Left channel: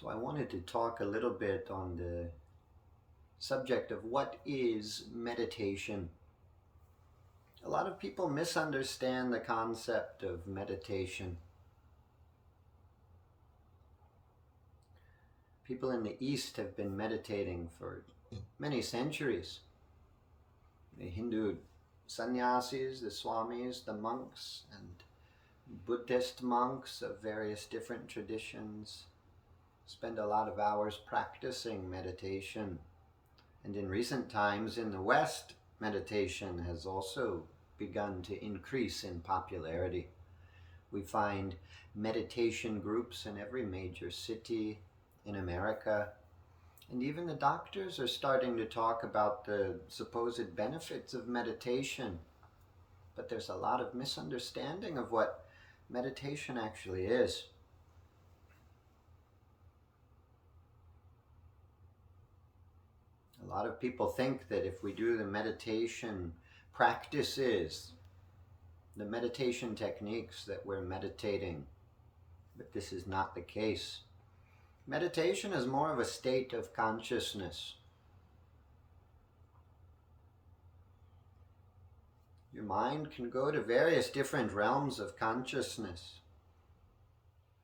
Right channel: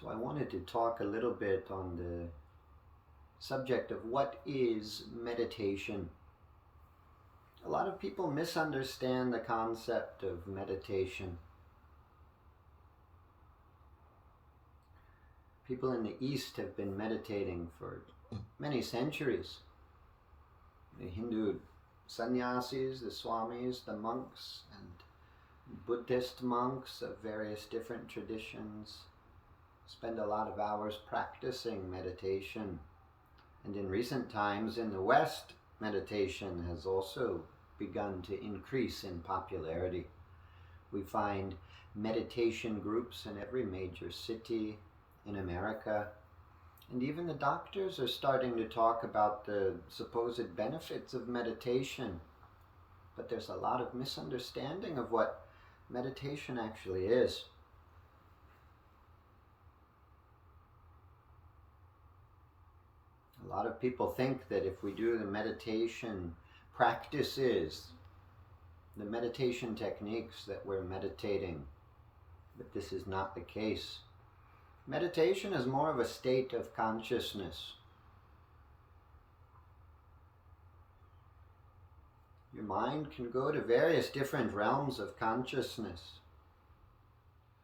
So I wanted to talk a little bit on the subject of what is meditation. A lot of people misunderstand the concept of meditation. People in the East have been meditating for many centuries. The Hindu sannyasis, the Swamis, the monks, and Buddhist monks of various different traditions spend a lot of hours practicing meditation. And in recent times in the West, meditation has also begun to increase in popularity. We find meditation groups in every major city in America, and even the doctors are starting to talk about the supposed benefits of meditation. But there's a lot of misunderstanding of what meditation actually is. A lot of people think that if we do the meditation practices, the meditation techniques, that we're meditating, but this is not the case. Meditation is more of a state of consciousness. Your mind can go to various different realms of consciousness.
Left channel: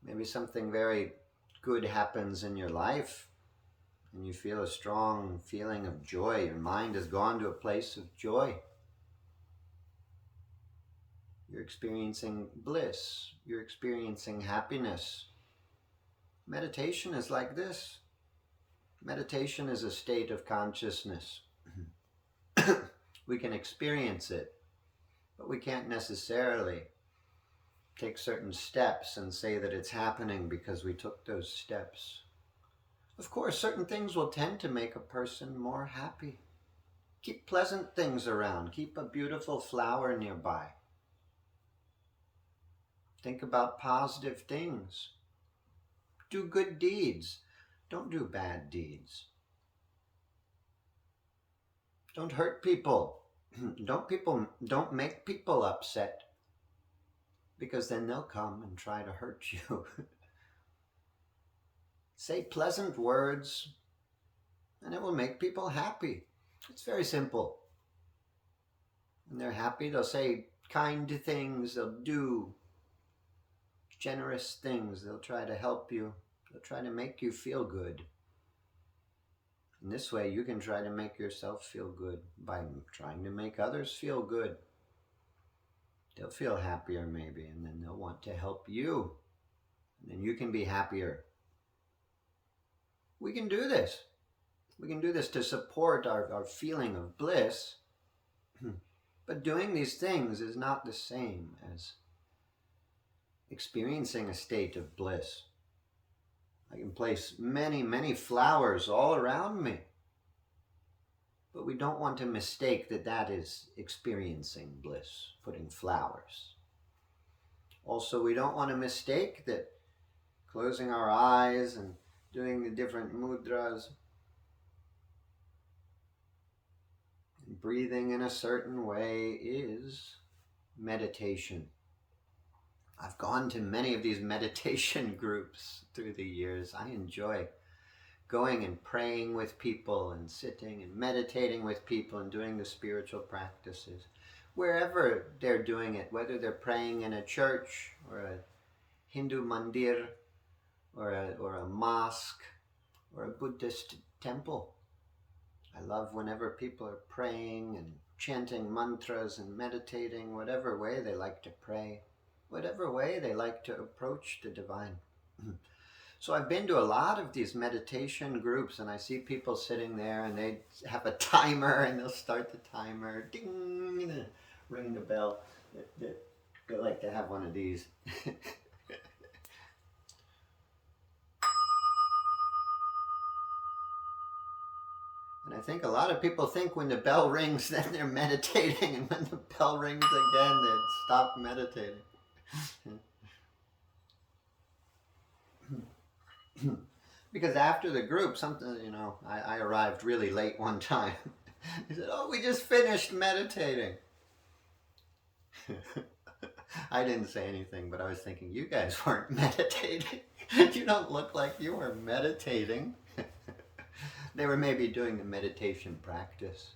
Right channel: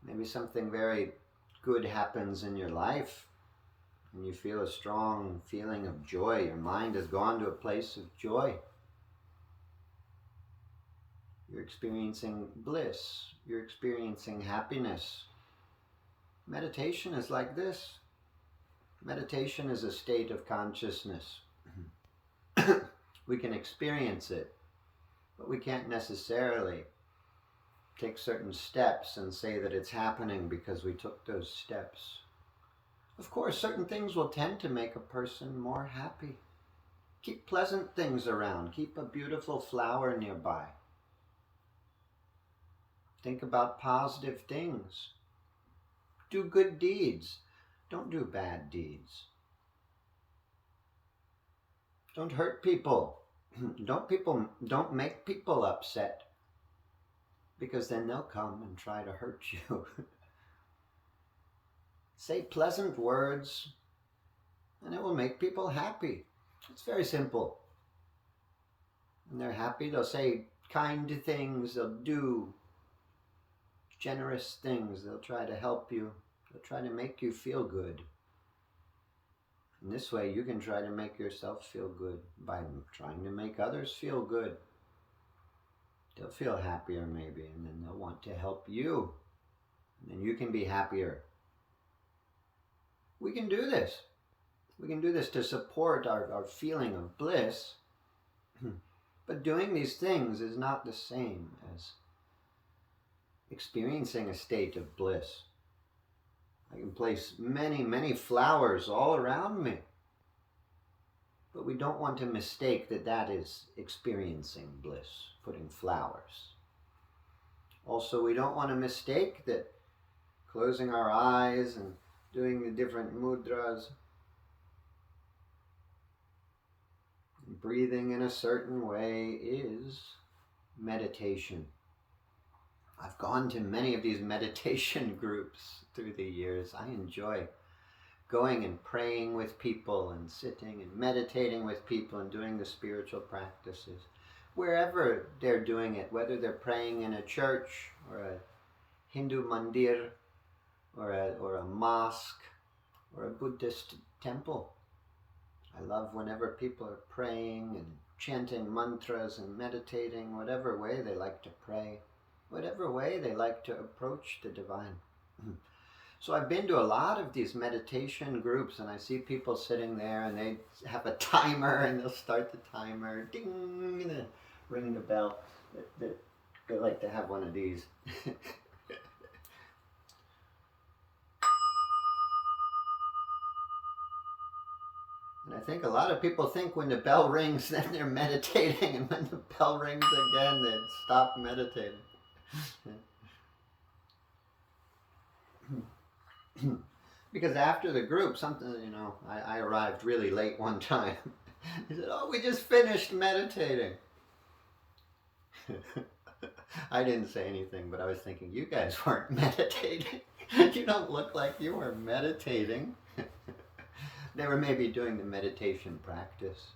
Maybe something very good happens in your life and you feel a strong feeling of joy. Your mind has gone to a place of joy. You're experiencing bliss. You're experiencing happiness. Meditation is like this. Meditation is a state of consciousness. We can experience it, but we can't necessarily take certain steps and say that it's happening because we took those steps. Of course, certain things will tend to make a person more happy. Keep pleasant things around. Keep a beautiful flower nearby. Think about positive things. Do good deeds. Don't do bad deeds. Don't hurt people. Don't make people upset, because then they'll come and try to hurt you. Say pleasant words, and it will make people happy. It's very simple. When they're happy, they'll say kind things, they'll do generous things, they'll try to help you, they'll try to make you feel good. In this way, you can try to make yourself feel good by trying to make others feel good. They'll feel happier maybe, and then they'll want to help you, and then you can be happier. We can do this. We can do this to support our feeling of bliss. But doing these things is not the same as experiencing a state of bliss. I can place many, many flowers all around me. But we don't want to mistake that that is experiencing bliss, putting flowers. Also, we don't want to mistake that closing our eyes and doing the different mudras, and breathing in a certain way is meditation. I've gone to many of these meditation groups through the years. I enjoy going and praying with people and sitting and meditating with people and doing the spiritual practices. Wherever they're doing it, whether they're praying in a church or a Hindu mandir, or a mosque, or a Buddhist temple. I love whenever people are praying and chanting mantras and meditating, whatever way they like to pray, whatever way they like to approach the divine. So I've been to a lot of these meditation groups, and I see people sitting there and they have a timer, and they'll start the timer, ding, and then ring the bell. They like to have one of these. And I think a lot of people think when the bell rings, then they're meditating, and when the bell rings again, they stop meditating. Because after the group, I arrived really late one time. He said, "Oh, we just finished meditating." I didn't say anything, but I was thinking, you guys weren't meditating. You don't look like you were meditating. They were maybe doing the meditation practice.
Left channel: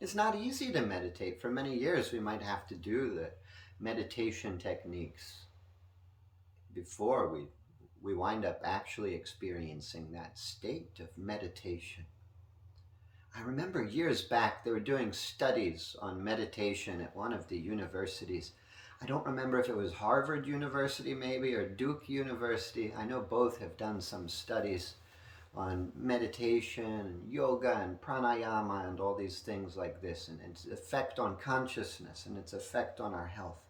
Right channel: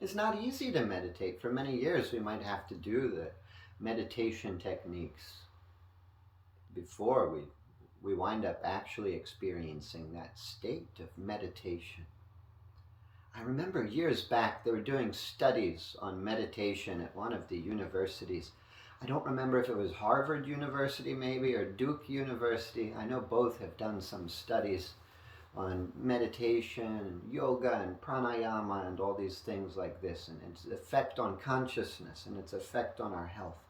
It's not easy to meditate. For many years, we might have to do the meditation techniques before we wind up actually experiencing that state of meditation. I remember years back, they were doing studies on meditation at one of the universities. I don't remember if it was Harvard University maybe or Duke University. I know both have done some studies on meditation and yoga and pranayama and all these things like this, and its effect on consciousness and its effect on our health.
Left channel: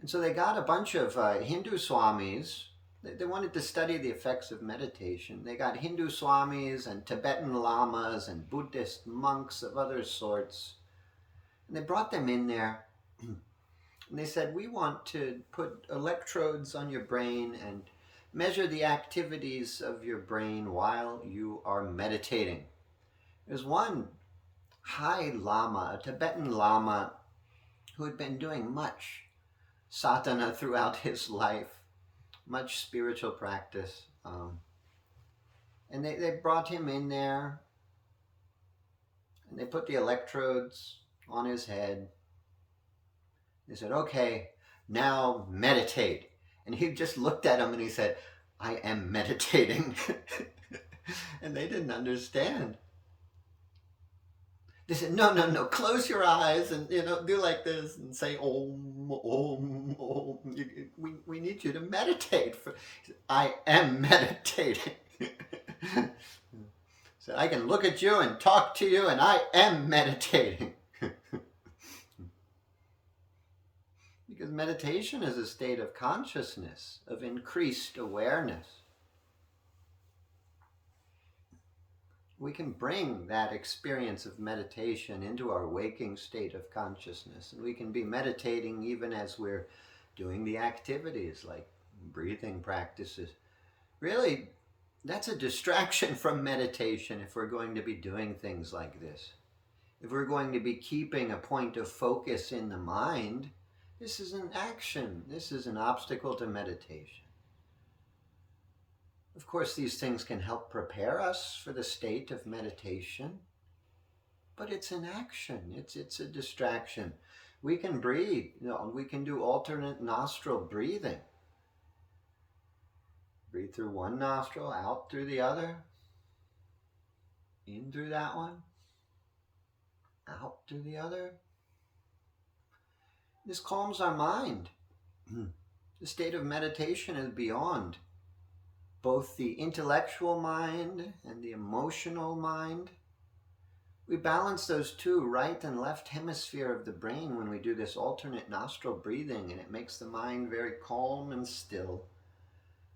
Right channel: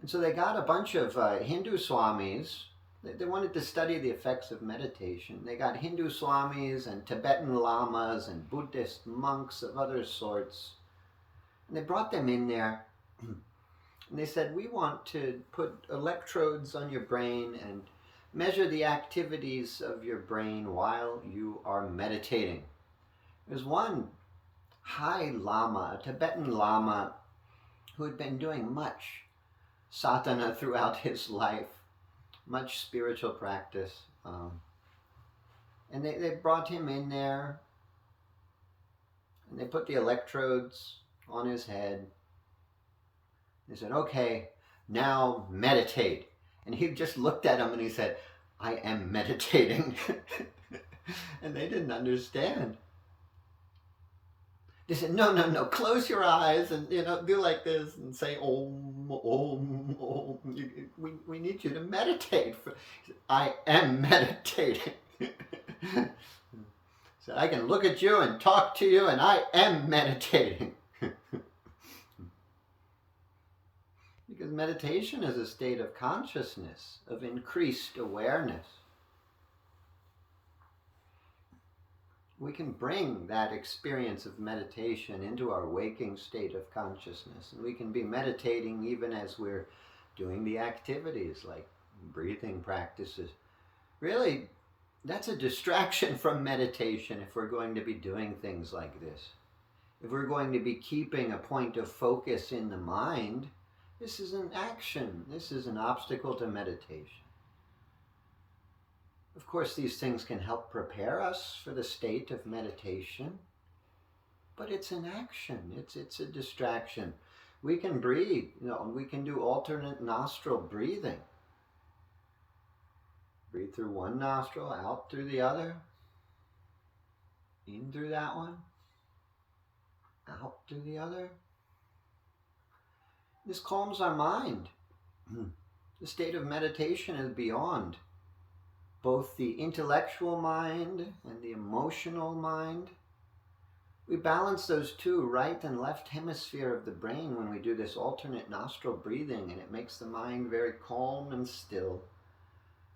And so they got a bunch of Hindu swamis. They wanted to study the effects of meditation. They got Hindu swamis and Tibetan lamas and Buddhist monks of other sorts. And they brought them in there. And they said, we want to put electrodes on your brain and measure the activities of your brain while you are meditating. There's one high lama, a Tibetan lama, who had been doing much sadhana throughout his life, much spiritual practice. And they brought him in there, and they put the electrodes on his head. They said, okay, now meditate. And he just looked at him and he said, I am meditating. And they didn't understand. They said, no, close your eyes and, do like this and say, Om, Om, Om. We need you to meditate. He said, I am meditating. So I can look at you and talk to you and I am meditating. Because meditation is a state of consciousness, of increased awareness. We can bring that experience of meditation into our waking state of consciousness. And we can be meditating even as we're doing the activities like breathing practices. Really, that's a distraction from meditation if we're going to be doing things like this. If we're going to be keeping a point of focus in the mind, this is an action. This is an obstacle to meditation. Of course, these things can help prepare us for the state of meditation, but it's an action. It's a distraction. We can breathe. We can do alternate nostril breathing. Breathe through one nostril, out through the other. In through that one, out through the other. This calms our mind. The state of meditation is beyond both the intellectual mind and the emotional mind. We balance those two, right and left hemisphere of the brain, when we do this alternate nostril breathing, and it makes the mind very calm and still.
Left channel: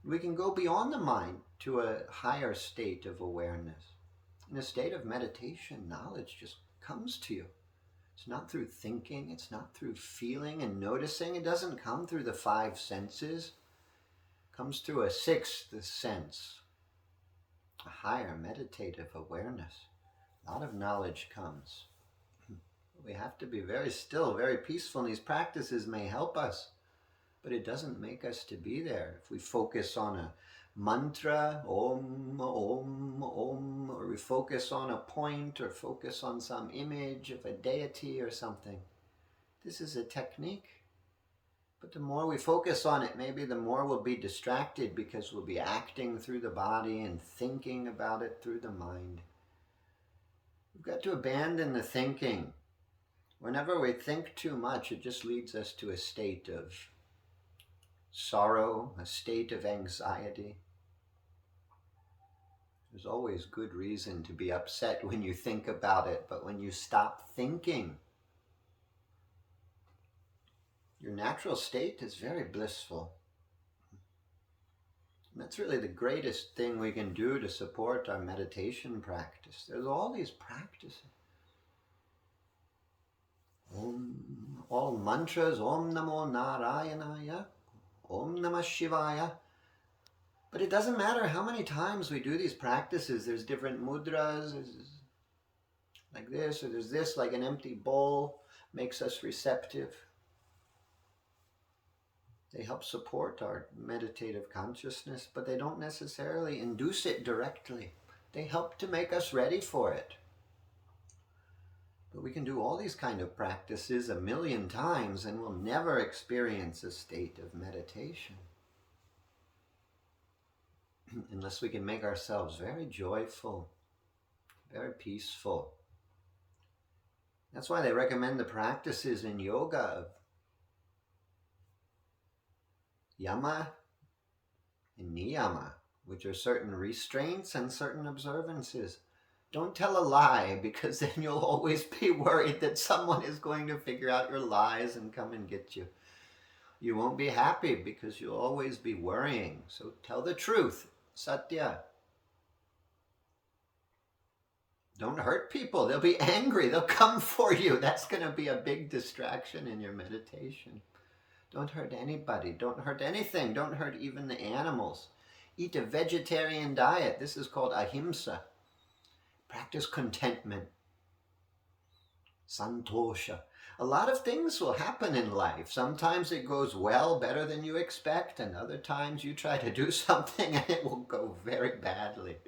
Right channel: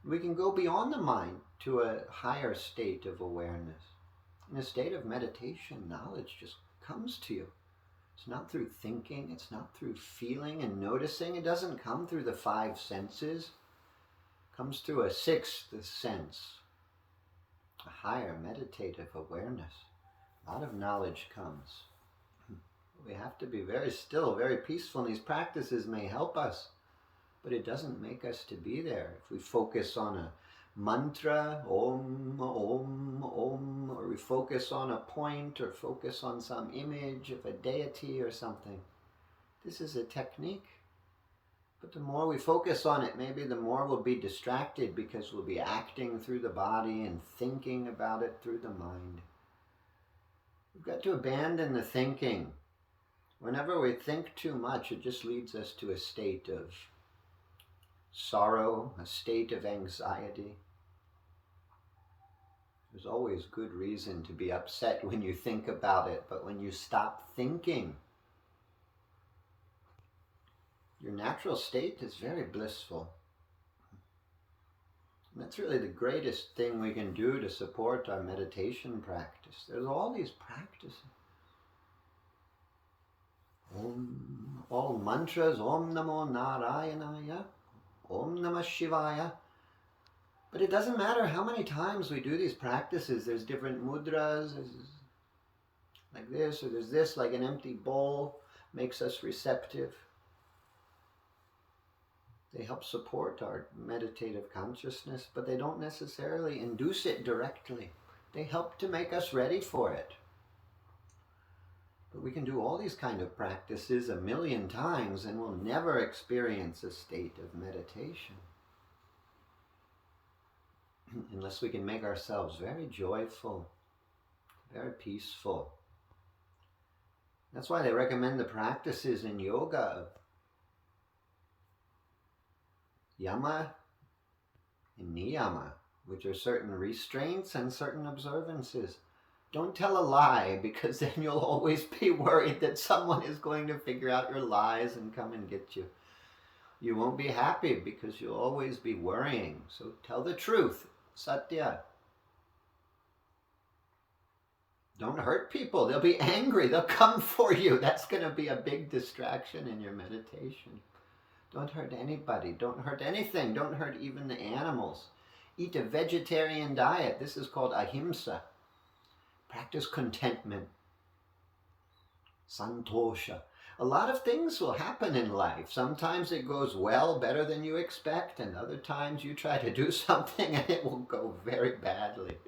We can go beyond the mind to a higher state of awareness. In a state of meditation, knowledge just comes to you. It's not through thinking, it's not through feeling and noticing. It doesn't come through the five senses. It comes through a sixth sense, a higher meditative awareness. A lot of knowledge comes. We have to be very still, very peaceful, and these practices may help us, but it doesn't make us to be there. If we focus on a mantra, Om, Om, Om, or we focus on a point or focus on some image of a deity or something, this is a technique. But the more we focus on it, maybe the more we'll be distracted, because we'll be acting through the body and thinking about it through the mind. We've got to abandon the thinking. Whenever we think too much, it just leads us to a state of sorrow, a state of anxiety. There's always good reason to be upset when you think about it, but when you stop thinking, your natural state is very blissful. And that's really the greatest thing we can do to support our meditation practice. There's all these practices. All mantras, Om Namo Narayanaya, Om Namah Shivaya. But it doesn't matter how many times we do these practices. There's different mudras, like this, or there's this, like an empty bowl, makes us receptive. They help support our meditative consciousness, but they don't necessarily induce it directly. They help to make us ready for it. But we can do all these kind of practices a million times and we'll never experience a state of meditation unless we can make ourselves very joyful, very peaceful. That's why they recommend the practices in yoga of yama and niyama, which are certain restraints and certain observances. Don't tell a lie, because then you'll always be worried that someone is going to figure out your lies and come and get you. You won't be happy because you'll always be worrying. So tell the truth, satya. Don't hurt people. They'll be angry. They'll come for you. That's going to be a big distraction in your meditation. Don't hurt anybody. Don't hurt anything. Don't hurt even the animals. Eat a vegetarian diet. This is called ahimsa. Practice contentment. Santosha. A lot of things will happen in life. Sometimes it goes well, better than you expect, and other times you try to do something and it will go very badly.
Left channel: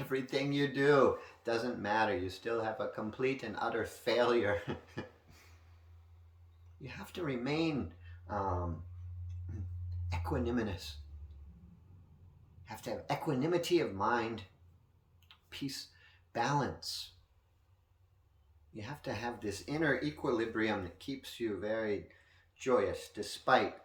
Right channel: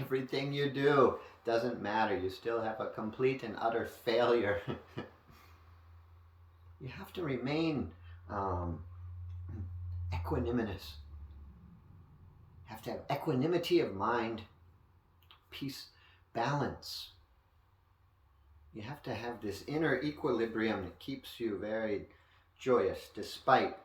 Everything you do doesn't matter. You still have a complete and utter failure. You have to remain equanimous. You have to have equanimity of mind, peace, balance. You have to have this inner equilibrium that keeps you very joyous despite.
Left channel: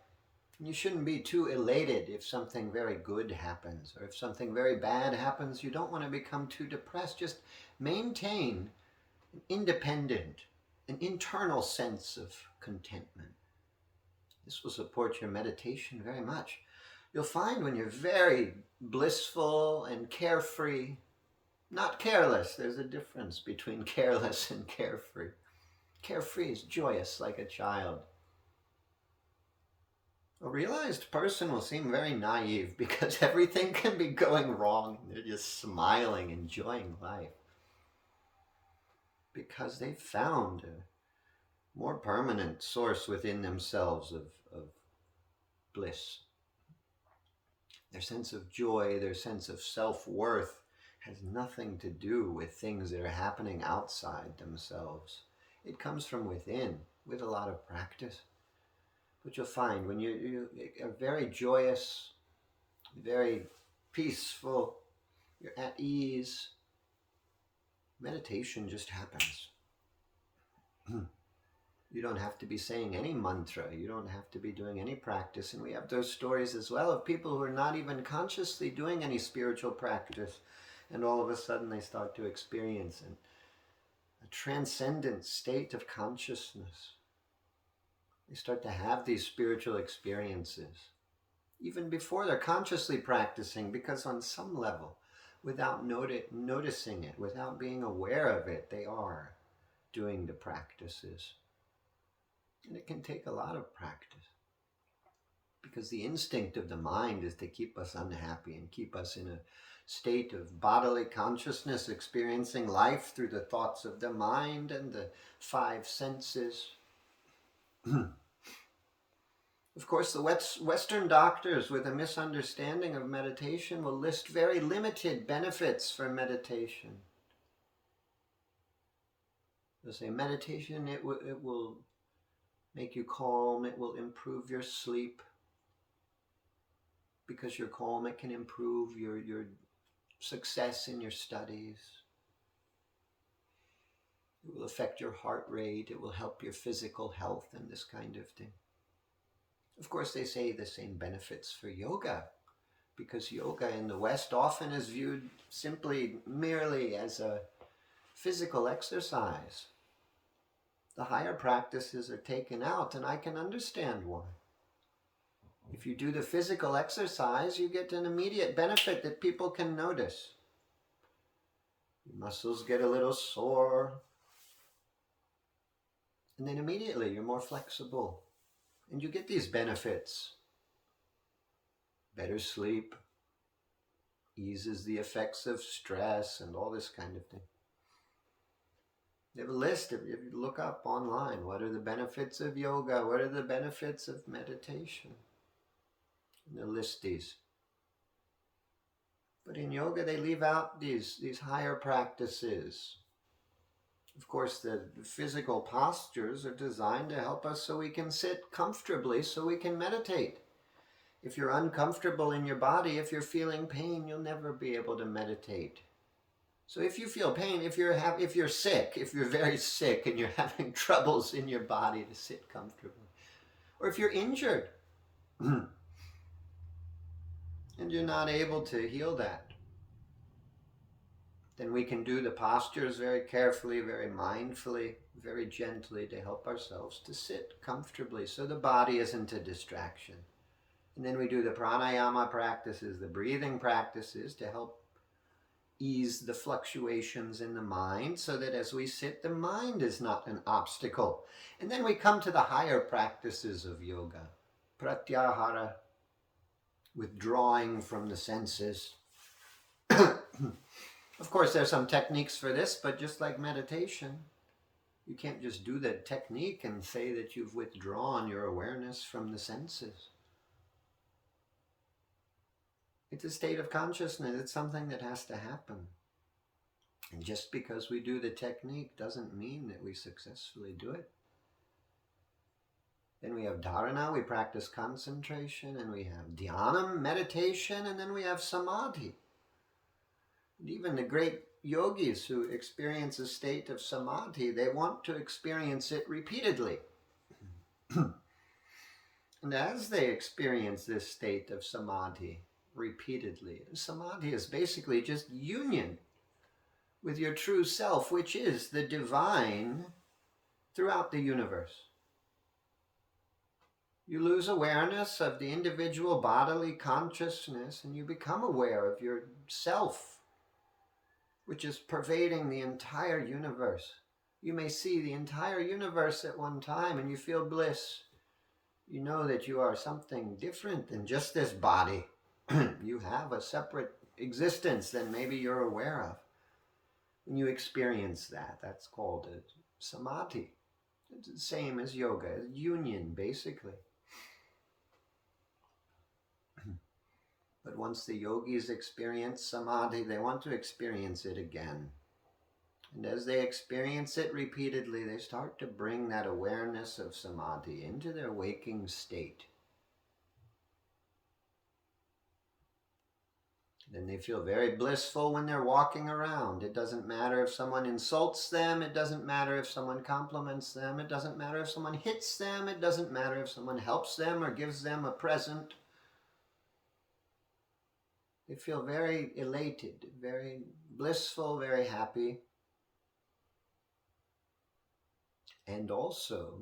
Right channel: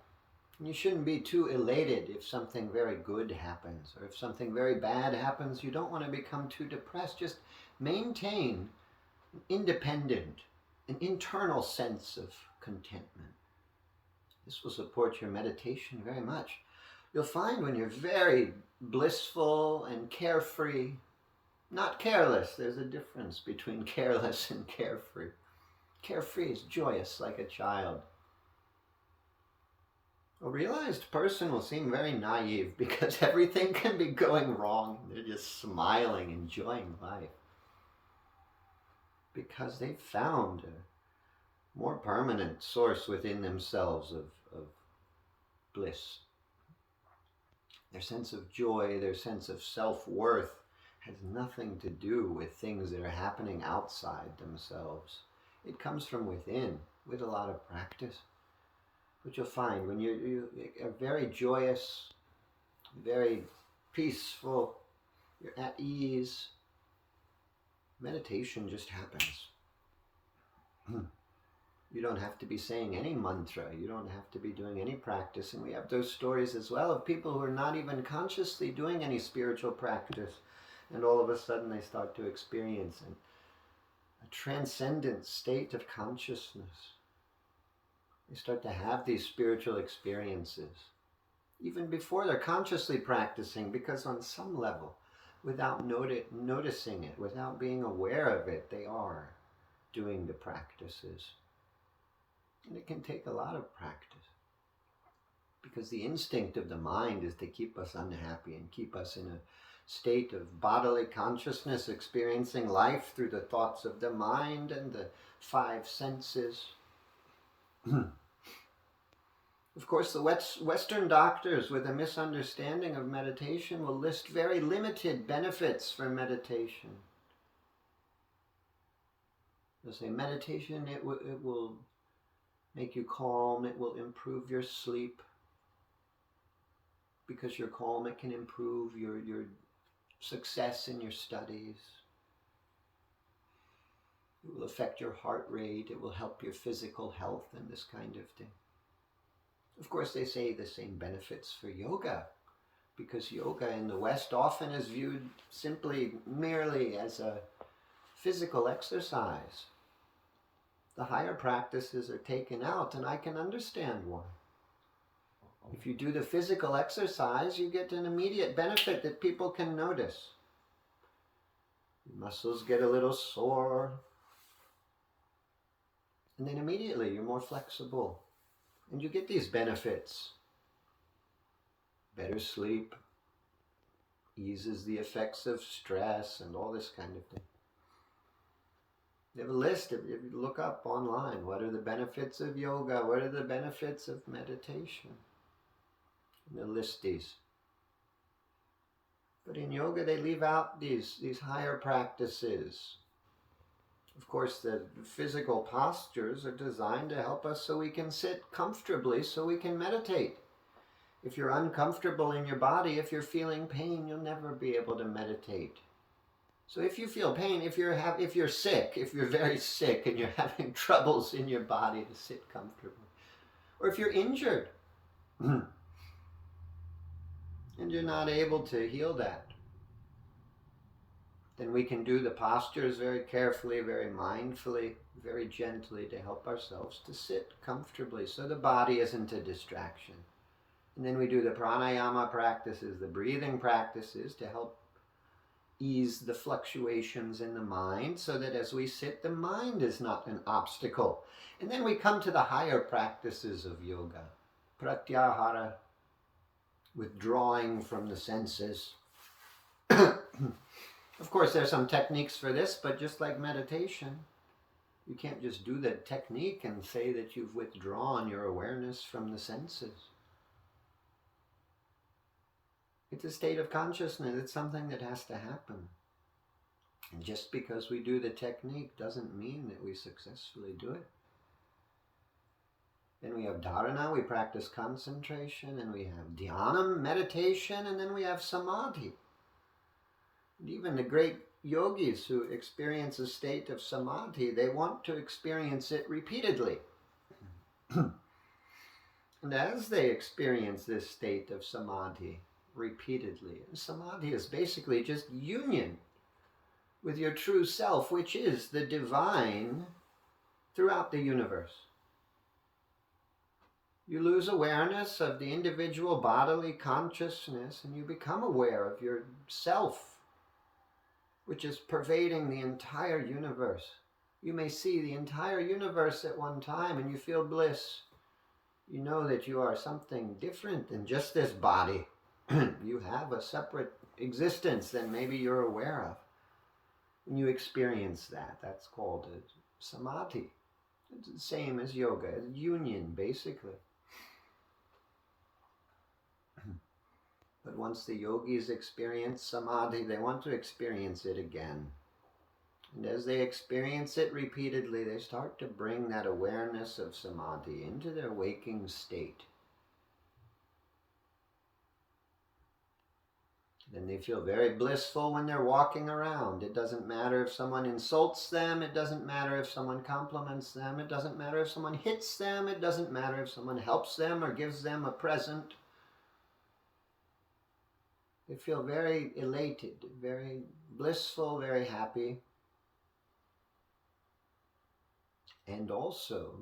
And you shouldn't be too elated if something very good happens, or if something very bad happens. You don't want to become too depressed. Just maintain an independent, an internal sense of contentment. This will support your meditation very much. You'll find when you're very blissful and carefree, not careless. There's a difference between careless and carefree. Carefree is joyous like a child. A realized person will seem very naive because everything can be going wrong. They're just smiling, enjoying life. Because they've found a more permanent source within themselves of bliss. Their sense of joy, their sense of self-worth has nothing to do with things that are happening outside themselves. It comes from within with a lot of practice. But you'll find when you are very joyous, very peaceful, you're at ease, meditation just happens. You don't have to be saying any mantra. You don't have to be doing any practice. And we have those stories as well of people who are not even consciously doing any spiritual practice. And all of a sudden they start to experience a transcendent state of consciousness. They start to have these spiritual experiences, even before they're consciously practicing, because on some level, without noticing it, without being aware of it, they are doing the practices. And it can take a lot of practice, because the instinct of the mind is to keep us unhappy and keep us in a state of bodily consciousness, experiencing life through the thoughts of the mind and the five senses. Of course, the Western doctors with a misunderstanding of meditation will list very limited benefits for meditation. They'll say meditation, it will make you calm, it will improve your sleep. Because you're calm, it can improve your success in your studies. It will affect your heart rate, it will help your physical health and this kind of thing. Of course, they say the same benefits for yoga, because yoga in the West often is viewed simply, merely as a physical exercise. The higher practices are taken out, and I can understand why. If you do the physical exercise, you get an immediate benefit that people can notice. Your muscles get a little sore, and then immediately you're more flexible. And you get these benefits. Better sleep, eases the effects of stress and all this kind of thing. They have a list. If you look up online, what are the benefits of yoga? What are the benefits of meditation? And they list these. But in yoga, they leave out these higher practices. Of course, the physical postures are designed to help us so we can sit comfortably, so we can meditate. If you're uncomfortable in your body, if you're feeling pain, you'll never be able to meditate. So if you feel pain, if you're sick, if you're very sick and you're having troubles in your body to sit comfortably, or if you're injured and you're not able to heal that, then we can do the postures very carefully, very mindfully, very gently to help ourselves to sit comfortably so the body isn't a distraction. And then we do the pranayama practices, the breathing practices to help ease the fluctuations in the mind so that as we sit, the mind is not an obstacle. And then we come to the higher practices of yoga. Pratyahara, withdrawing from the senses. Of course, there's some techniques for this, but just like meditation, you can't just do the technique and say that you've withdrawn your awareness from the senses. It's a state of consciousness. It's something that has to happen. And just because we do the technique doesn't mean that we successfully do it. Then we have dharana, we practice concentration, and we have dhyanam, meditation, and then we have samadhi. And even the great yogis who experience a state of samadhi, they want to experience it repeatedly. And as they experience this state of samadhi repeatedly, samadhi is basically just union with your true self, which is the divine throughout the universe. You lose awareness of the individual bodily consciousness and you become aware of yourself, which is pervading the entire universe. You may see the entire universe at one time and you feel bliss. You know that you are something different than just this body. You have a separate existence than maybe you're aware of. When you experience that, that's called a samadhi. It's the same as yoga, union basically. But once the yogis experience samadhi, they want to experience it again. And as they experience it repeatedly, they start to bring that awareness of samadhi into their waking state. Then they feel very blissful when they're walking around. It doesn't matter if someone insults them. It doesn't matter if someone compliments them. It doesn't matter if someone hits them. It doesn't matter if someone helps them or gives them a present. They feel very elated, very blissful, very happy. And also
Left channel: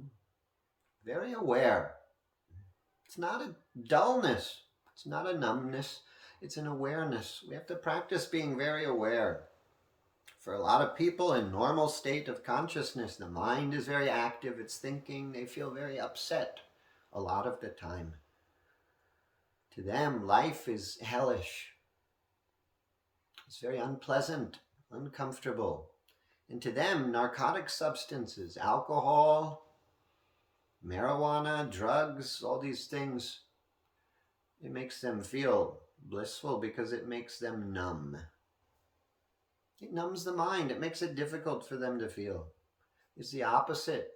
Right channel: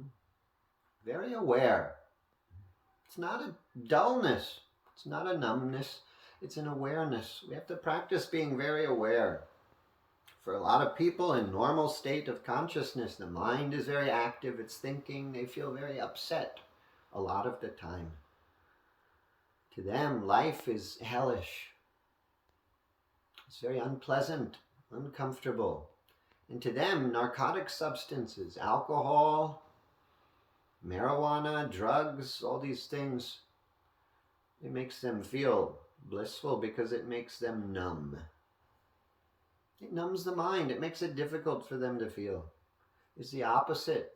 very aware. It's not a dullness. It's not a numbness. It's an awareness. We have to practice being very aware. For a lot of people in normal state of consciousness, the mind is very active, it's thinking, they feel very upset a lot of the time. To them, life is hellish. It's very unpleasant, uncomfortable. And to them, narcotic substances, alcohol, marijuana, drugs, all these things, it makes them feel blissful because it makes them numb. It numbs the mind. It makes it difficult for them to feel. It's the opposite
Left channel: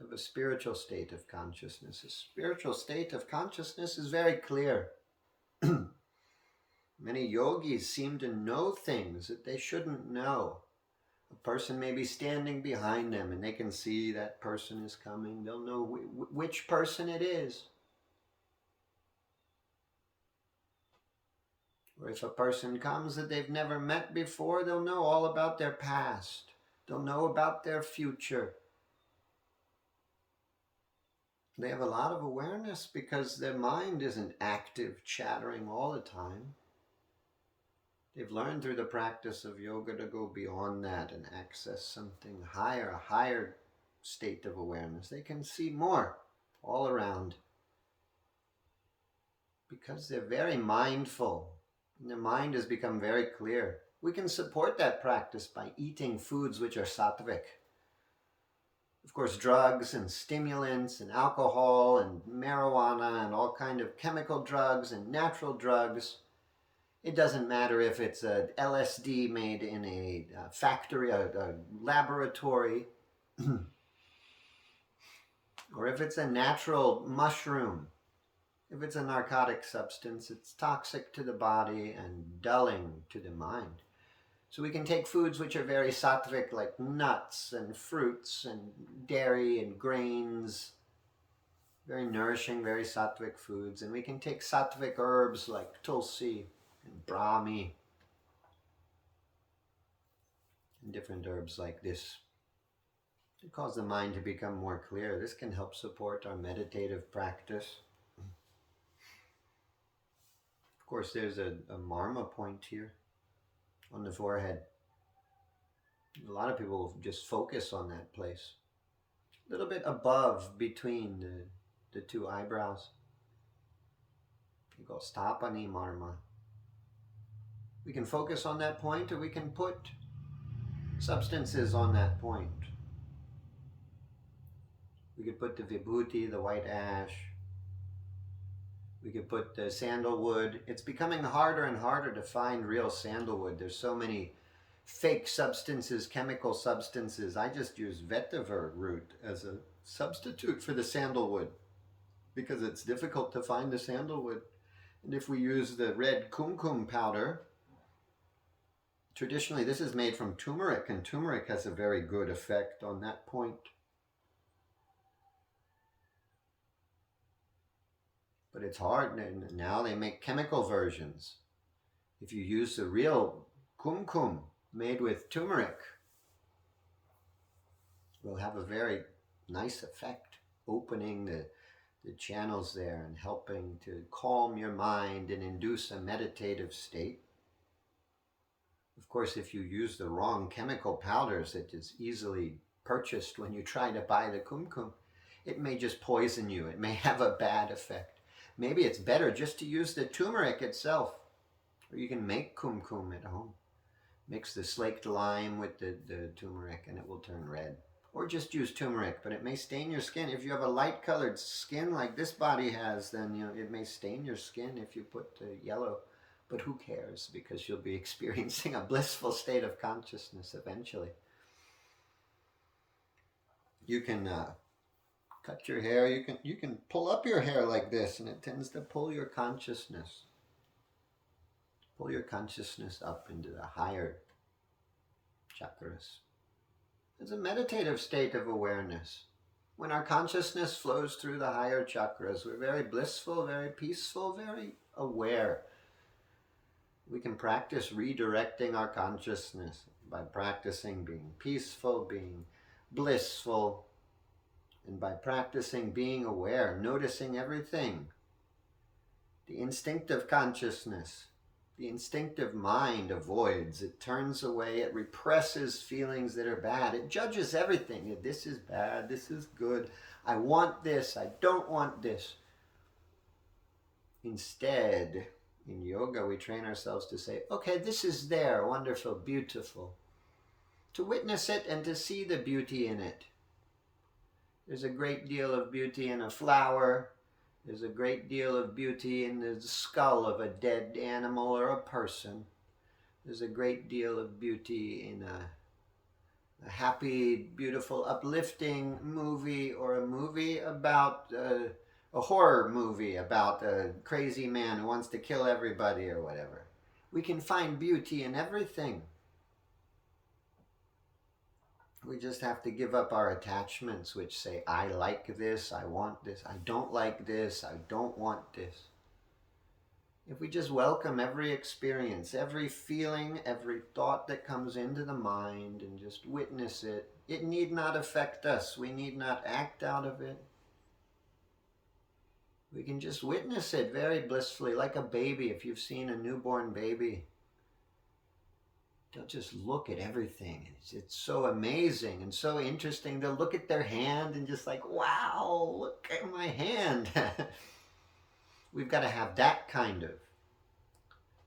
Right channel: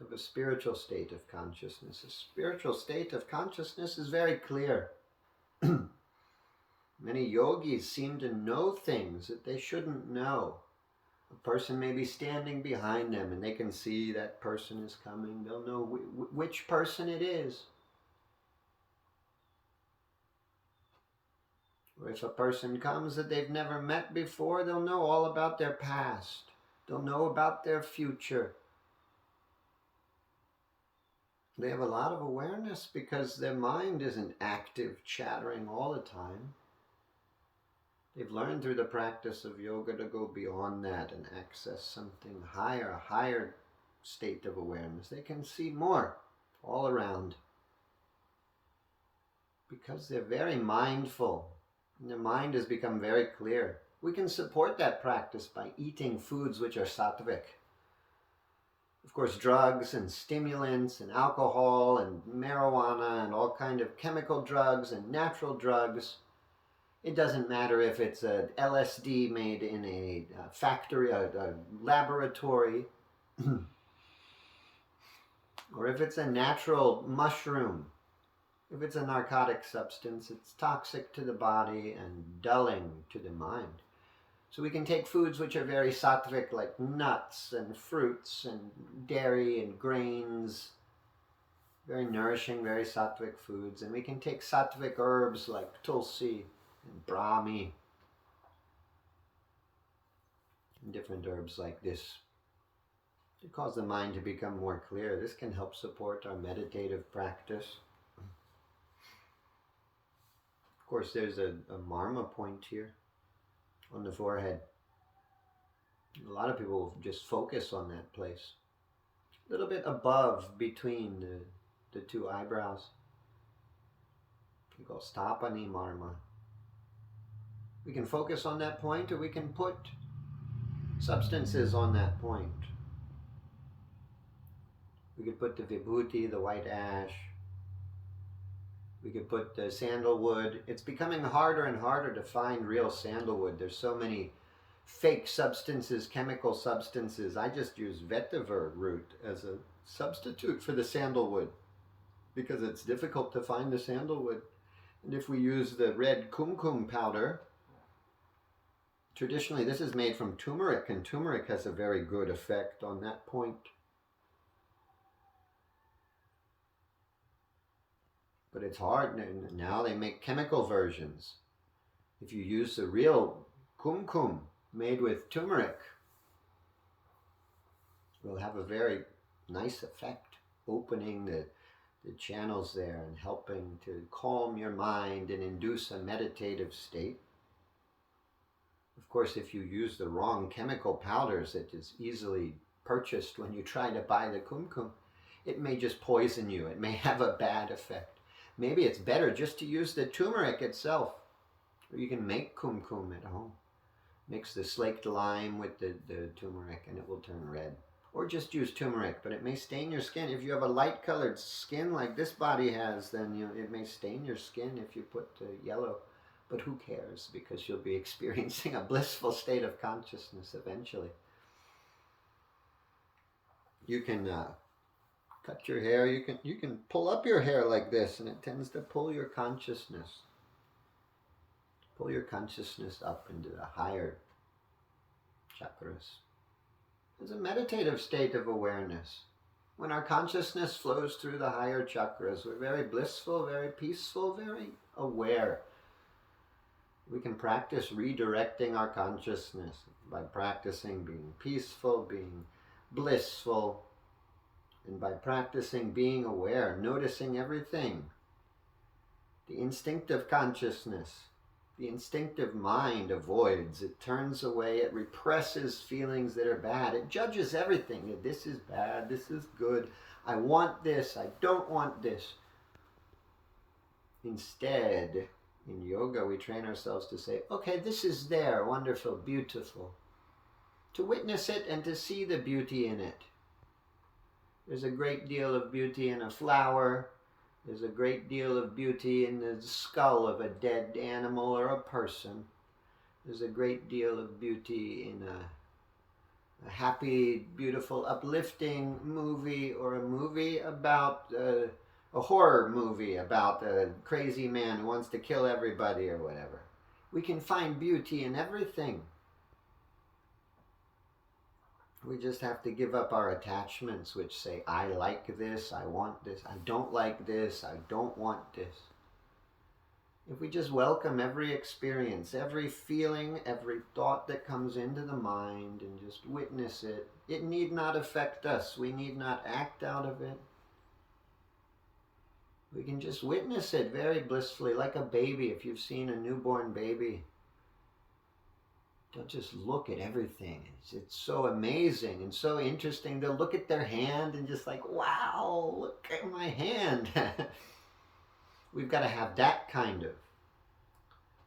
of a spiritual state of consciousness. A spiritual state of consciousness is very clear. Many yogis seem to know things that they shouldn't know. A person may be standing behind them and they can see that person is coming. They'll know which person it is. Or if a person comes that they've never met before, they'll know all about their past. They'll know about their future. They have a lot of awareness because their mind isn't active, chattering all the time. They've learned through the practice of yoga to go beyond that and access something higher, a higher state of awareness. They can see more all around because they're very mindful. And their mind has become very clear. We can support that practice by eating foods which are sattvic. Of course, drugs and stimulants and alcohol and marijuana and all kind of chemical drugs and natural drugs. It doesn't matter if it's a LSD made in a factory, a laboratory, or if it's a natural mushroom. If it's a narcotic substance, it's toxic to the body and dulling to the mind. So we can take foods which are very sattvic, like nuts and fruits and dairy and grains, very nourishing, very sattvic foods. And we can take sattvic herbs like tulsi and brahmi and different herbs like this to cause the mind to become more clear. This can help support our meditative practice. Of course, there's a marma point here on the forehead. A lot of people just focus on that place, a little bit above between the two eyebrows. We call stapani marma. We can focus on that point, or we can put substances on that point. We could put the vibhuti, the white ash. We could put the sandalwood. It's becoming harder and harder to find real sandalwood. There's so many fake substances, chemical substances. I just use vetiver root as a substitute for the sandalwood because it's difficult to find the sandalwood. And if we use the red kumkum powder, traditionally this is made from turmeric, and turmeric has a very good effect on that point. But it's hard. Now they make chemical versions. If you use the real kumkum made with turmeric, it will have a very nice effect, opening the channels there and helping to calm your mind and induce a meditative state. Of course, if you use the wrong chemical powders that is easily purchased when you try to buy the kumkum, it may just poison you. It may have a bad effect. Maybe it's better just to use the turmeric itself. Or you can make kumkum at home. Mix the slaked lime with the turmeric and it will turn red. Or just use turmeric, but it may stain your skin. If you have a light colored skin like this body has, then it may stain your skin if you put yellow. But who cares? Because you'll be experiencing a blissful state of consciousness eventually. You can cut your hair. You can pull up your hair like this, and it tends to pull your consciousness. Pull your consciousness up into the higher chakras. It's a meditative state of awareness. When our consciousness flows through the higher chakras, we're very blissful, very peaceful, very aware. We can practice redirecting our consciousness by practicing being peaceful, being blissful, and by practicing being aware, noticing everything. The instinctive consciousness, the instinctive mind avoids. It turns away. It represses feelings that are bad. It judges everything. This is bad. This is good. I want this. I don't want this. Instead, in yoga, we train ourselves to say, okay, this is there. Wonderful, beautiful. To witness it and to see the beauty in it. There's a great deal of beauty in a flower. There's a great deal of beauty in the skull of a dead animal or a person. There's a great deal of beauty in a happy, beautiful, uplifting movie, or a movie about a horror movie about a crazy man who wants to kill everybody or whatever. We can find beauty in everything. We just have to give up our attachments which say, I like this, I want this, I don't like this, I don't want this. If we just welcome every experience, every feeling, every thought that comes into the mind and just witness it, it need not affect us. We need not act out of it. We can just witness it very blissfully, like a baby. If you've seen a newborn baby, they'll just look at everything. It's so amazing and so interesting. They'll look at their hand and just like, wow, look at my hand. We've got to have that kind of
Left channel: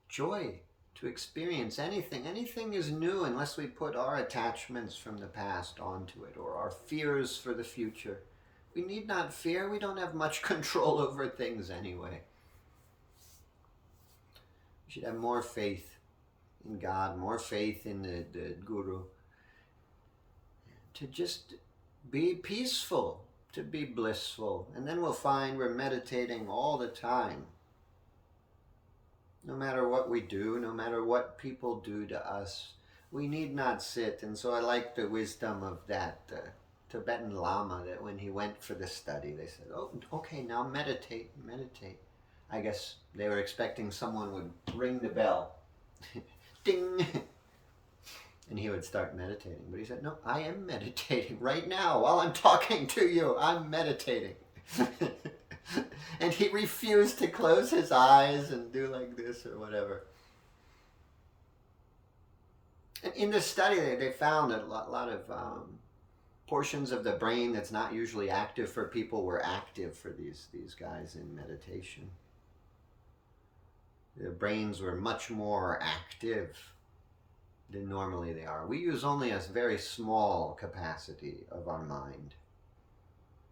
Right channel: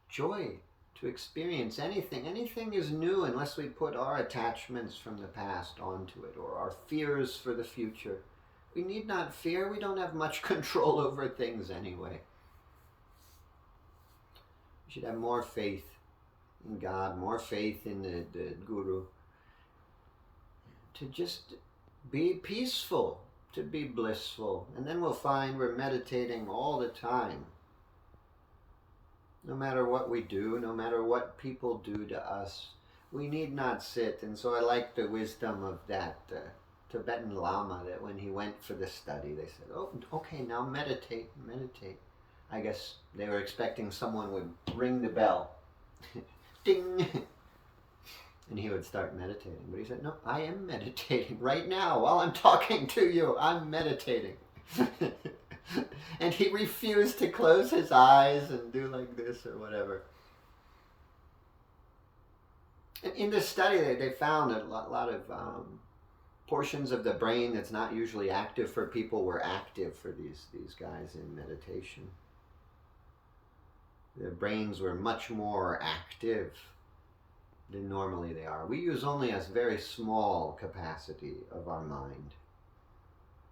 joy to experience anything. Anything is new unless we put our attachments from the past onto it, or our fears for the future. We need not fear. We don't have much control over things anyway. We should have more faith in God, more faith in the Guru, to just be peaceful, to be blissful. And then we'll find we're meditating all the time. No matter what we do, no matter what people do to us, we need not sit. And so I like the wisdom of that Tibetan Lama, that when he went for the study, they said, oh, okay, now meditate, meditate. I guess they were expecting someone would ring the bell. Ding! And he would start meditating. But he said, no, I am meditating right now. While I'm talking to you, I'm meditating. And he refused to close his eyes and do like this or whatever. And in this study, they found that a lot of portions of the brain that's not usually active for people were active for these guys in meditation. Their brains were much more active than normally they are. We use only a very small capacity of our mind.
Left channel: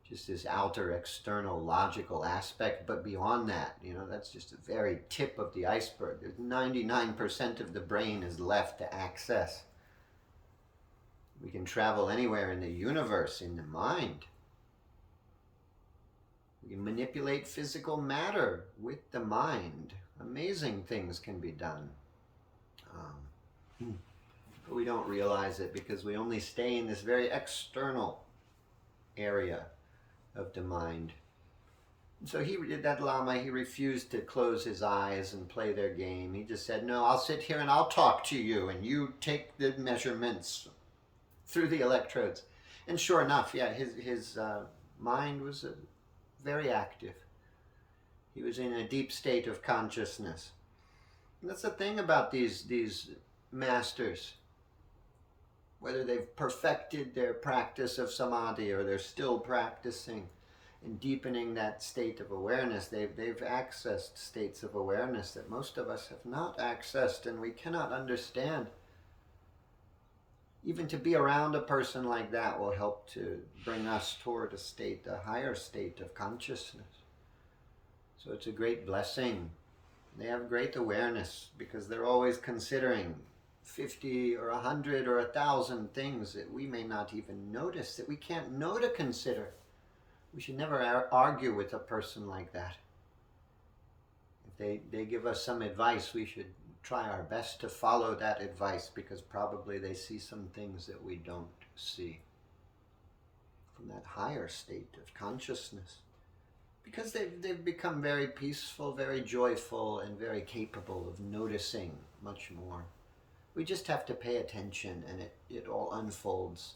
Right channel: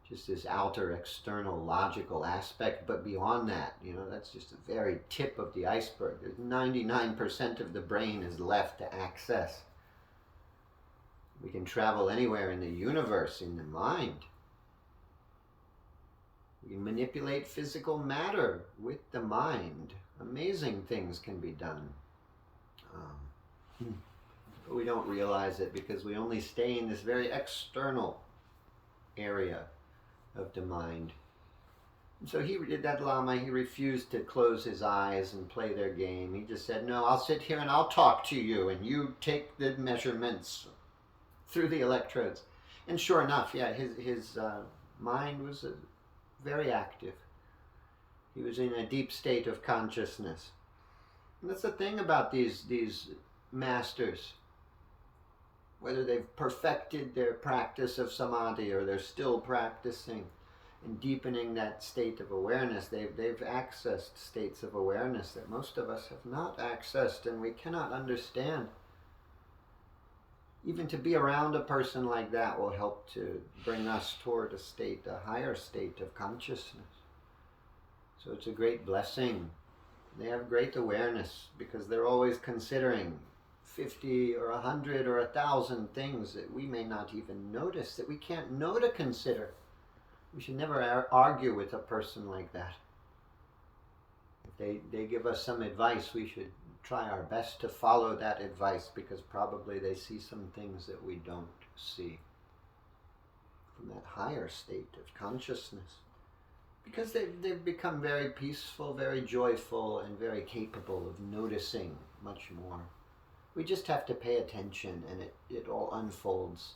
Just this outer, external, logical aspect, but beyond that, that's just the very tip of the iceberg. 99% of the brain is left to access. We can travel anywhere in the universe in the mind. We can manipulate physical matter with the mind. Amazing things can be done. But we don't realize it because we only stay in this very external area of the mind. And so that Lama, he refused to close his eyes and play their game. He just said, no, I'll sit here and I'll talk to you and you take the measurements through the electrodes. And sure enough, yeah, his mind was very active. He was in a deep state of consciousness. And that's the thing about these masters. Whether they've perfected their practice of samadhi or they're still practicing and deepening that state of awareness, they've accessed states of awareness that most of us have not accessed, and we cannot understand. Even to be around a person like that will help to bring us toward a higher state of consciousness. So it's a great blessing. They have great awareness because they're always considering 50 or 100 or 1,000 things that we may not even notice, that we can't know to consider. We should never argue with a person like that. If they give us some advice, we should try our best to follow that advice, because probably they see some things that we don't see from that higher state of consciousness. Because they've become very peaceful, very joyful, and very capable of noticing much more. We just have to pay attention and it all unfolds.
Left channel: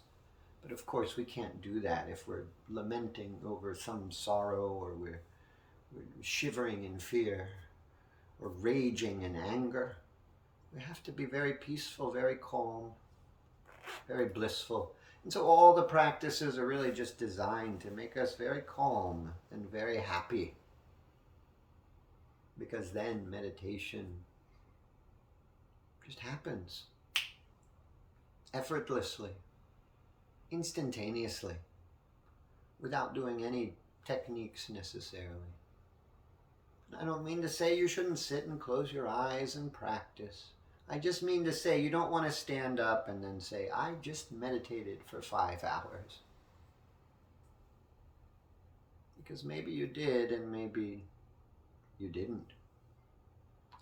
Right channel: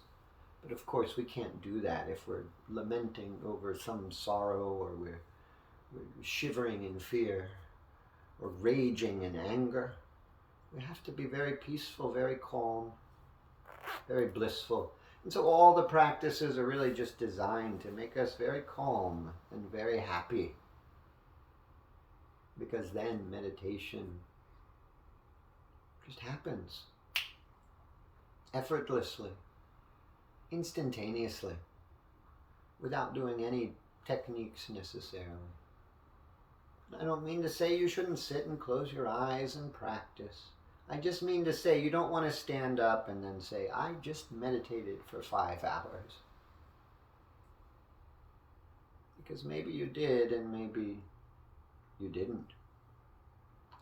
But of course we can't do that if we're lamenting over some sorrow, or we're shivering in fear, or raging in anger. We have to be very peaceful, very calm, very blissful. And so all the practices are really just designed to make us very calm and very happy. Because then meditation just happens effortlessly, instantaneously, without doing any techniques necessarily. I don't mean to say you shouldn't sit and close your eyes and practice. I just mean to say you don't want to stand up and then say, I just meditated for 5 hours. Because maybe you did and maybe you didn't.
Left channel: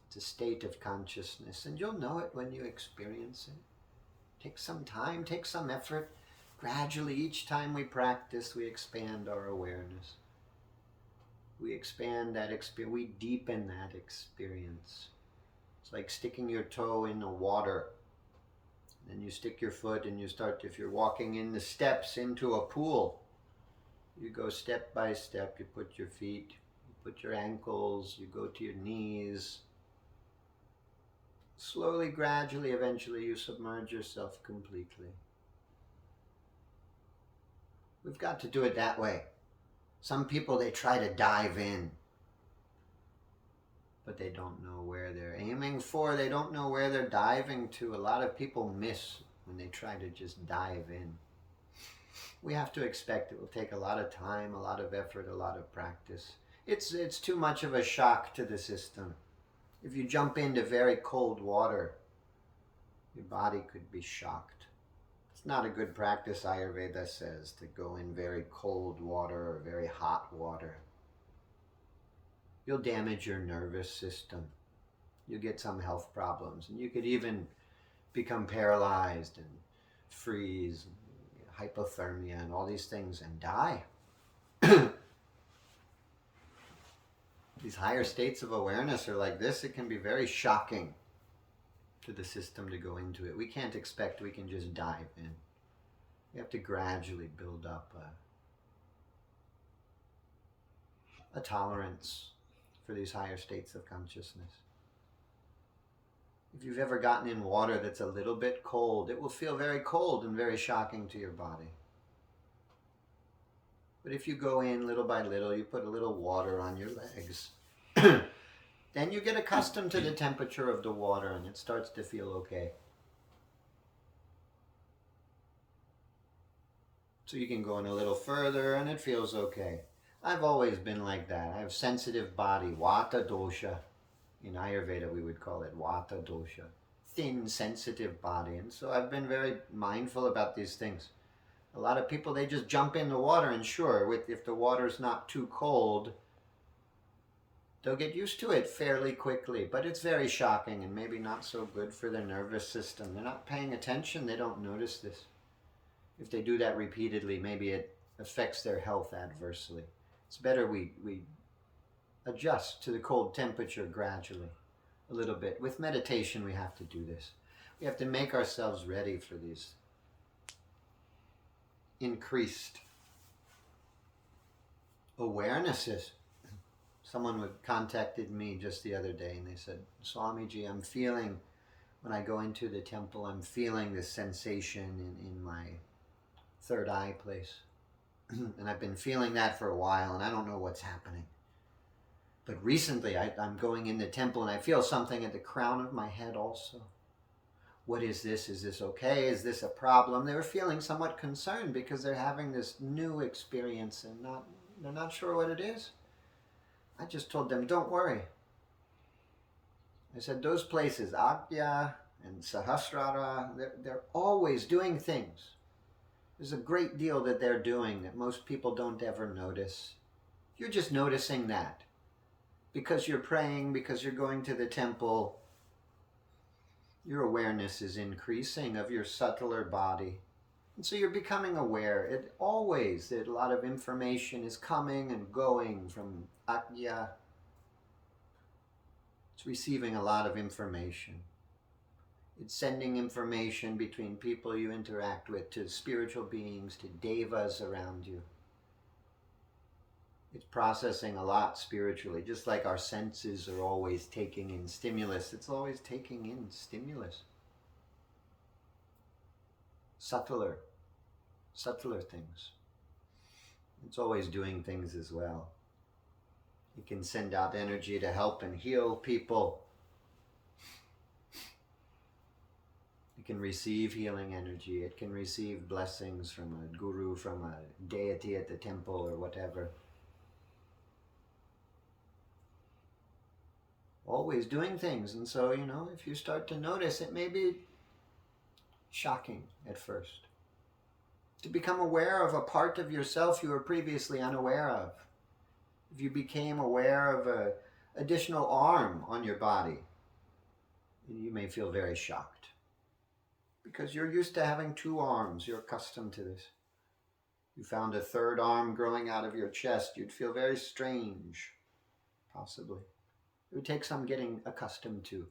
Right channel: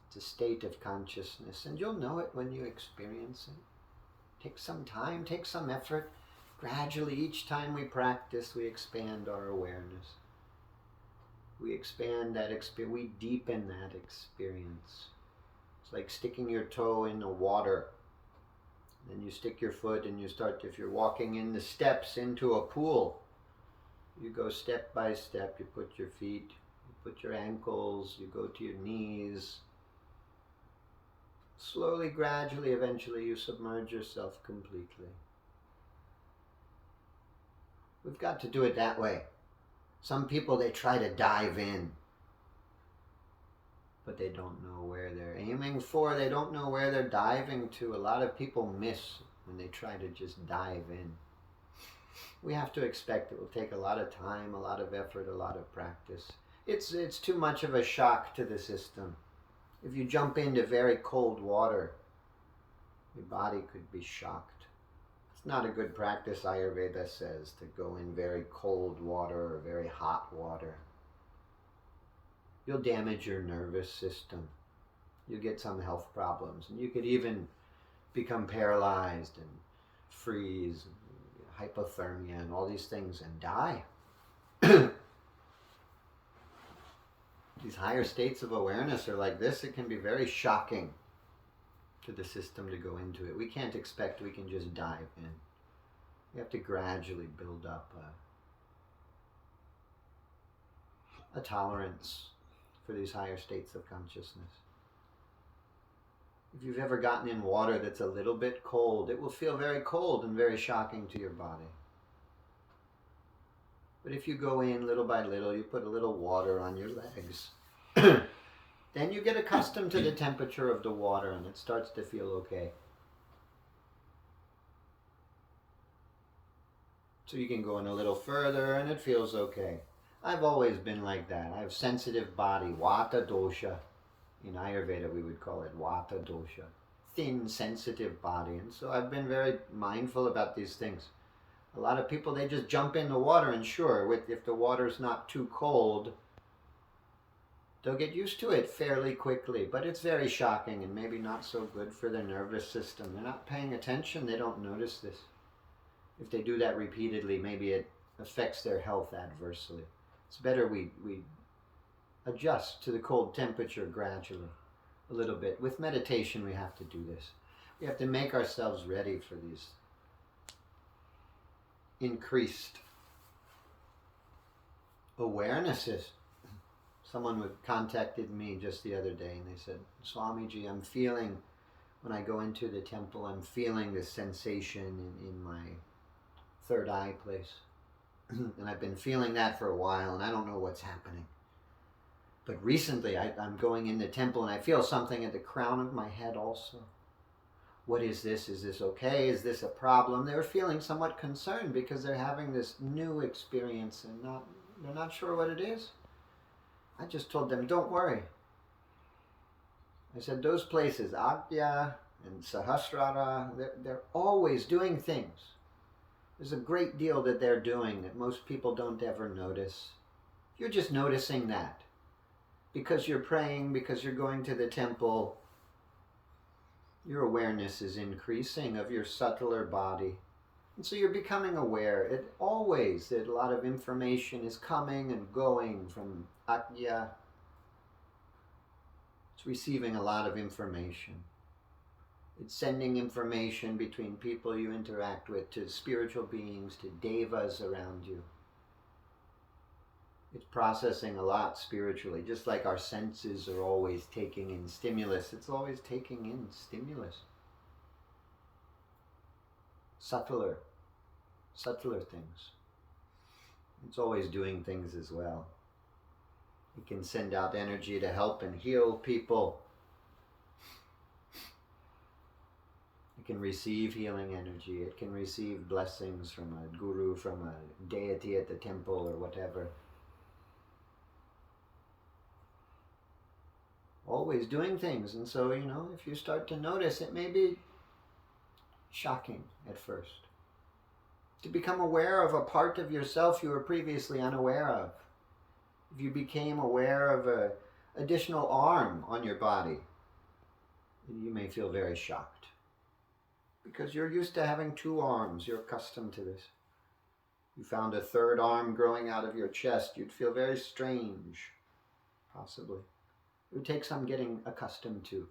It's a state of consciousness, and you'll know it when you experience it. Take some time, take some effort. Gradually, each time we practice, we expand our awareness. We expand that experience, we deepen that experience. It's like sticking your toe in the water. Then you stick your foot and you start, if you're walking in the steps into a pool, you go step by step. You put your feet, you put your ankles, you go to your knees. Slowly, gradually, eventually you submerge yourself completely. We've got to do it that way. Some people, they try to dive in. but they don't know where they're aiming for. They don't know where they're diving to. A lot of people miss when they try to just dive in. We have to expect it will take a lot of time, a lot of effort, a lot of practice. It's too much of a shock to the system. If you jump into very cold water, your body could be shocked. It's not a good practice, Ayurveda says, to go in very cold water or very hot water. You'll damage your nervous system. You'll get some health problems, and you could even become paralyzed and freeze and hypothermia and all these things and die. These higher states of awareness are like this. It can be very shocking to the system to go into it. We can't expect we can just dive in. We have to gradually build up a tolerance for these higher states of consciousness. If you've ever gotten in water that's a little bit cold, it will feel very cold and very shocking to your body. But if you go in little by little, you put a little water on your legs, then you get accustomed to the temperature of the water and it starts to feel okay. So you can go in a little further and it feels okay. I've always been like that. I have sensitive body, Vata dosha. In Ayurveda we would call it Vata dosha. Thin, sensitive body. And so I've been very mindful about these things. A lot of people, they just jump in the water and sure, if the water's not too cold, they'll get used to it fairly quickly. But it's very shocking and maybe not so good for their nervous system. They're not paying attention. They don't notice this. If they do that repeatedly, maybe it affects their health adversely. It's better we adjust to the cold temperature gradually, a little bit. With meditation, we have to do this. We have to make ourselves ready for these increased awarenesses. Someone contacted me just the other day and they said, Swamiji, I'm feeling, when I go into the temple, I'm feeling this sensation in my third eye place. And I've been feeling that for a while and I don't know what's happening. But recently I'm going in the temple and I feel something at the crown of my head also. What is this? Is this okay? Is this a problem? They were feeling somewhat concerned because they're having this new experience and they're not sure what it is. I just told them, don't worry. I said, those places, Agya and Sahasrara, they're always doing things. There's a great deal that they're doing that most people don't ever notice. You're just noticing that. Because you're praying, because you're going to the temple, your awareness is increasing of your subtler body. And so you're becoming aware. A lot of information is coming and going from Agya. It's receiving a lot of information. It's sending information between people you interact with, to spiritual beings, to devas around you. It's processing a lot spiritually, just like our senses are always taking in stimulus. It's always taking in stimulus. Subtler things. It's always doing things as well. It can send out energy to help and heal people. It can receive healing energy. It can receive blessings from a guru, from a deity at the temple or whatever. Always doing things. And so, if you start to notice, it may be shocking at first. To become aware of a part of yourself you were previously unaware of. If you became aware of an additional arm on your body, you may feel very shocked. Because you're used to having 2 arms. You're accustomed to this. You found a third arm growing out of your chest. You'd feel very strange, possibly. It would take some getting accustomed to.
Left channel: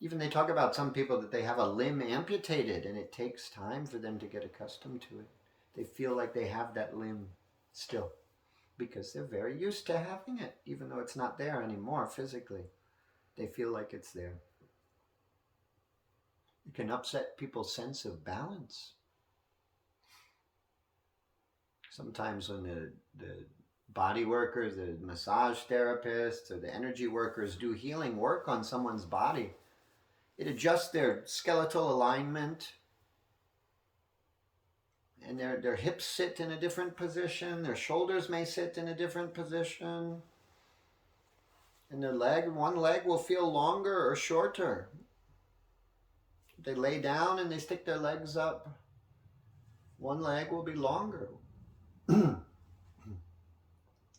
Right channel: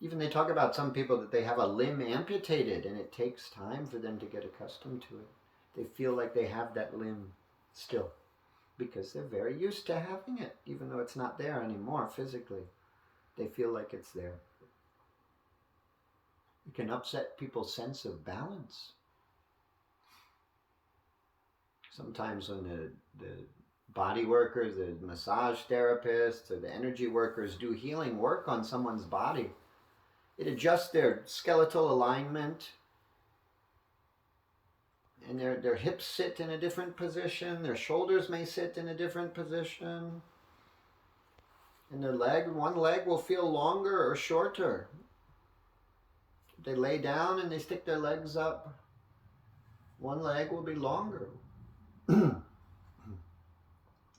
Even they talk about some people that they have a limb amputated and it takes time for them to get accustomed to it. They feel like they have that limb still because they're very used to having it, even though it's not there anymore physically. They feel like it's there. It can upset people's sense of balance. Sometimes when the body workers, the massage therapists, or the energy workers do healing work on someone's body, it adjusts their skeletal alignment, and their hips sit in a different position, their shoulders may sit in a different position, and one leg will feel longer or shorter. If they lay down and they stick their legs up, one leg will be longer.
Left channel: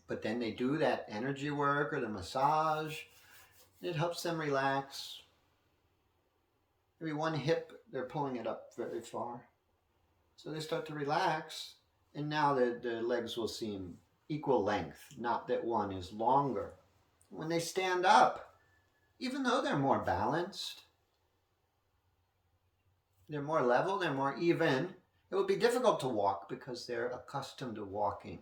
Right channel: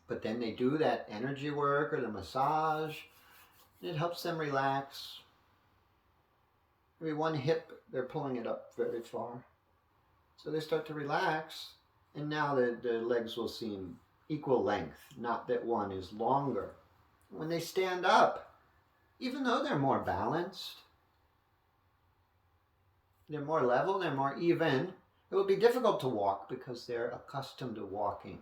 But then they do that energy work or the massage, and it helps them relax. Maybe one hip, they're pulling it up very far. So they start to relax, and now the legs will seem equal length, not that one is longer. When they stand up, even though they're more balanced, they're more level, they're more even, it will be difficult to walk because they're accustomed to walking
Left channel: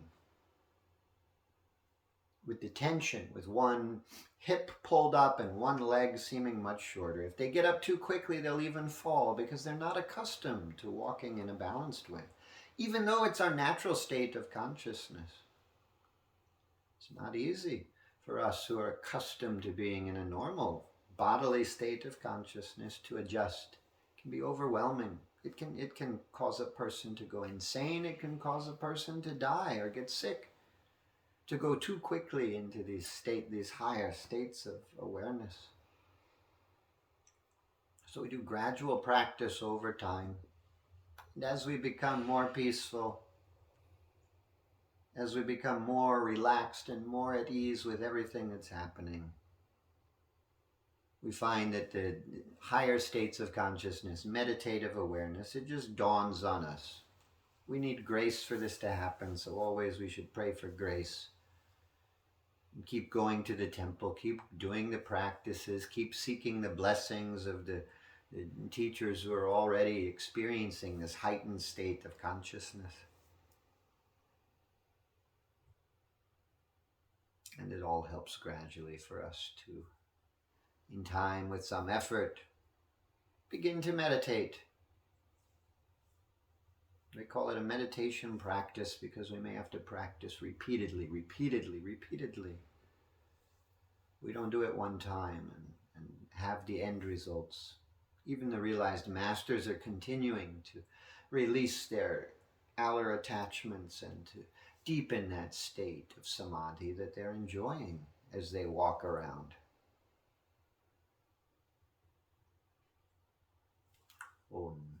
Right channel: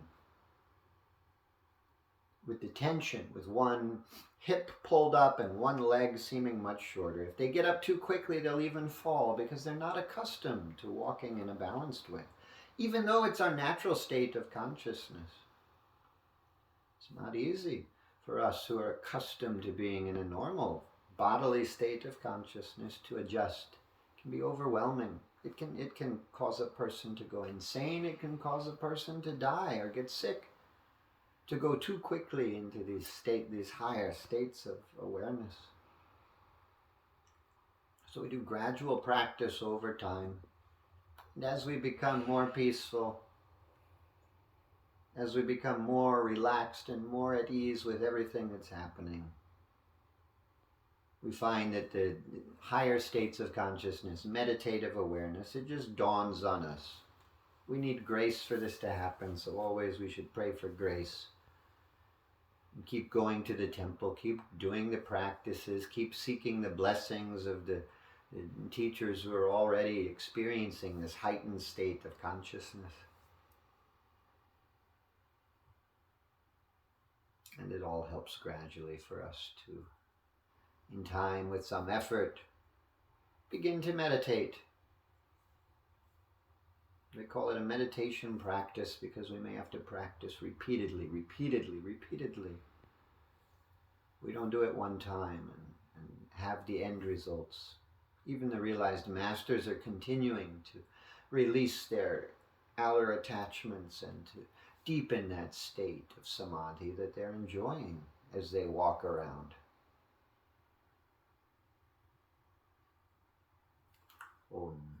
with the tension, with one hip pulled up and one leg seeming much shorter. If they get up too quickly, they'll even fall because they're not accustomed to walking in a balanced way, even though it's our natural state of consciousness. It's not easy for us who are accustomed to being in a normal bodily state of consciousness to adjust. It can be overwhelming. It can cause a person to go insane. It can cause a person to die or get sick, to go too quickly into these higher states of awareness. So we do gradual practice over time. And as we become more peaceful, as we become more relaxed and more at ease with everything that's happening, we find that the higher states of consciousness, meditative awareness, it just dawns on us. We need grace for this to happen, so always we should pray for grace. And keep going to the temple, keep doing the practices, keep seeking the blessings of the teachers who are already experiencing this heightened state of consciousness. And it all helps gradually for us to, in time, with some effort, begin to meditate. They call it a meditation practice because we may have to practice repeatedly. We don't do it one time and have the end results. Even the realized masters are continuing to release their outer attachments and to deepen that state of samadhi that they're enjoying as they walk around. Om.